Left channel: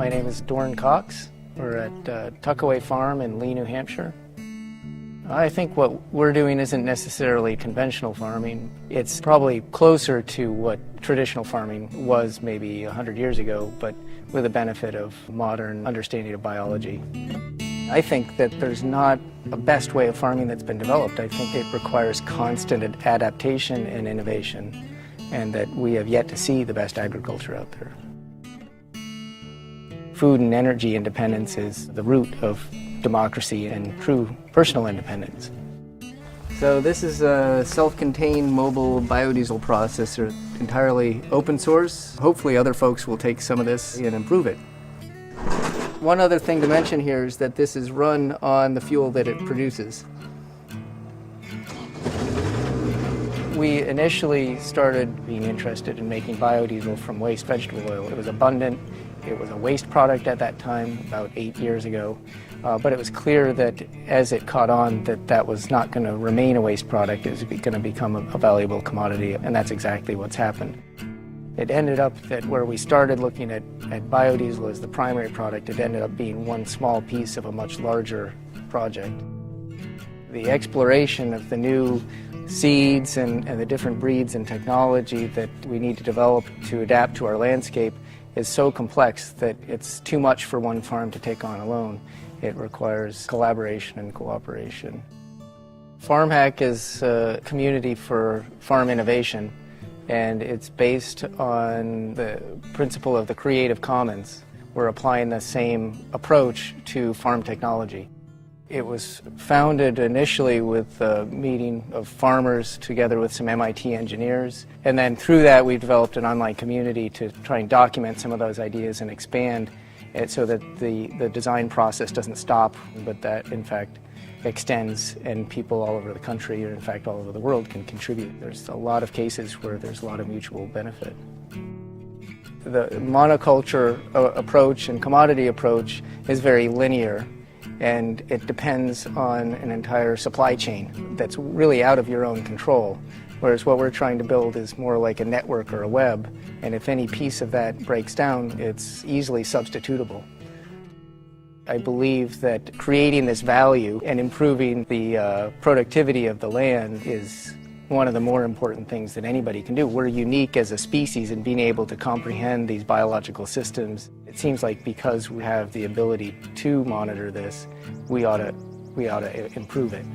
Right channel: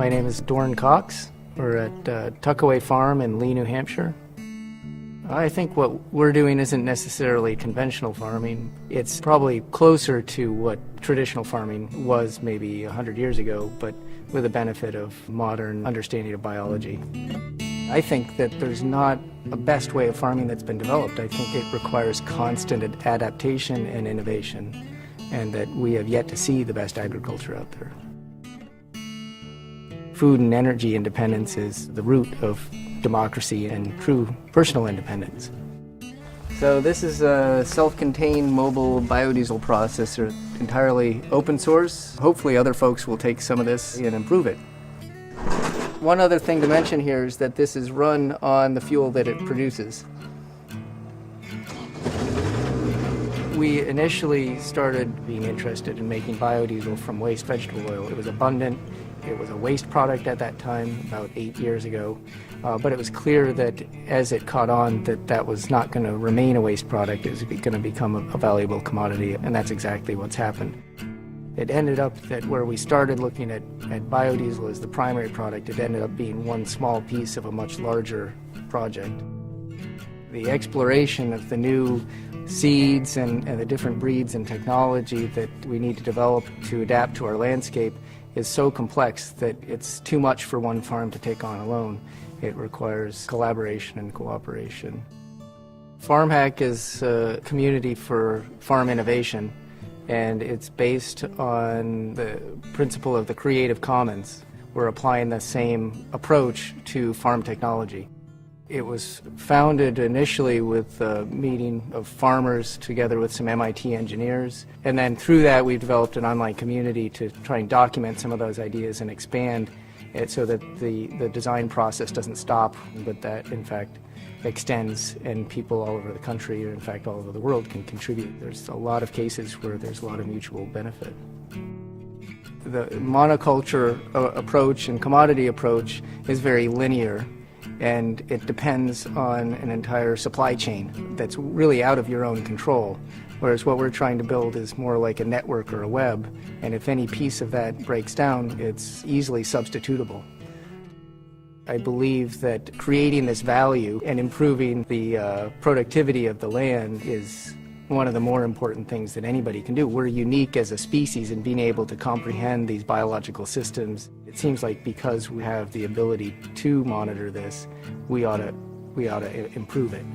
My name is Doran Cox. We're at Tuckaway Farm in Lee, New Hampshire. I think what we're doing isn't necessarily conventional farming. It's probably closer to what traditional farming was maybe 100 years ago, but with the benefit of modern understanding of biology. I think that there's not a best way of farming that's been developed. I think it requires constant adaptation and innovation, and that we have yet to see the best agriculture out there. Food and energy independence is the root of democracy and true personal independence. So this is a self-contained mobile biodiesel processor, entirely open source. Hopefully other folks will take some of this and improve it. One other thing to mention here is that this is run on the fuel that it produces. We initially started being interested in making biodiesel from waste vegetable oil. It was abundant. It was a waste product at that time, about 8 years ago, but it was clear that as it caught on that was not going to remain a waste product. It was going to become a valuable commodity, and that's exactly what's happened. It ended up that where we started looking at biodiesel as the primary product, it ended up being one small piece of a much larger project. The exploration of the new seeds and the different breeds and technology that we need to develop to adapt to our landscape is so complex that it's too much for one farm to take on alone. It requires collaboration and cooperation. FarmHack is a community for farm innovation, and it's based on the principle of the Creative Commons. We're applying the same approach to farm technology. It was founded initially with a meeting of farmers together with some MIT engineers, and then through that we've developed an online community to try and document some of those ideas and expand it so that the design process doesn't stop, but that in fact extends, and people all over the country, or in fact all over the world, can contribute. There's a lot of cases where there's a lot of mutual benefit. The monoculture approach and commodity approach is very linear, and it depends on an entire supply chain that's really out of your own control, whereas what we're trying to build is more like a network or a web, and if any piece of that breaks down, it's easily substitutable. I believe that creating this value and improving the productivity of the land is one of the more important things that anybody can do. We're unique as a species in being able to comprehend these biological systems. It seems like because we have the ability to monitor this, we ought to improve it.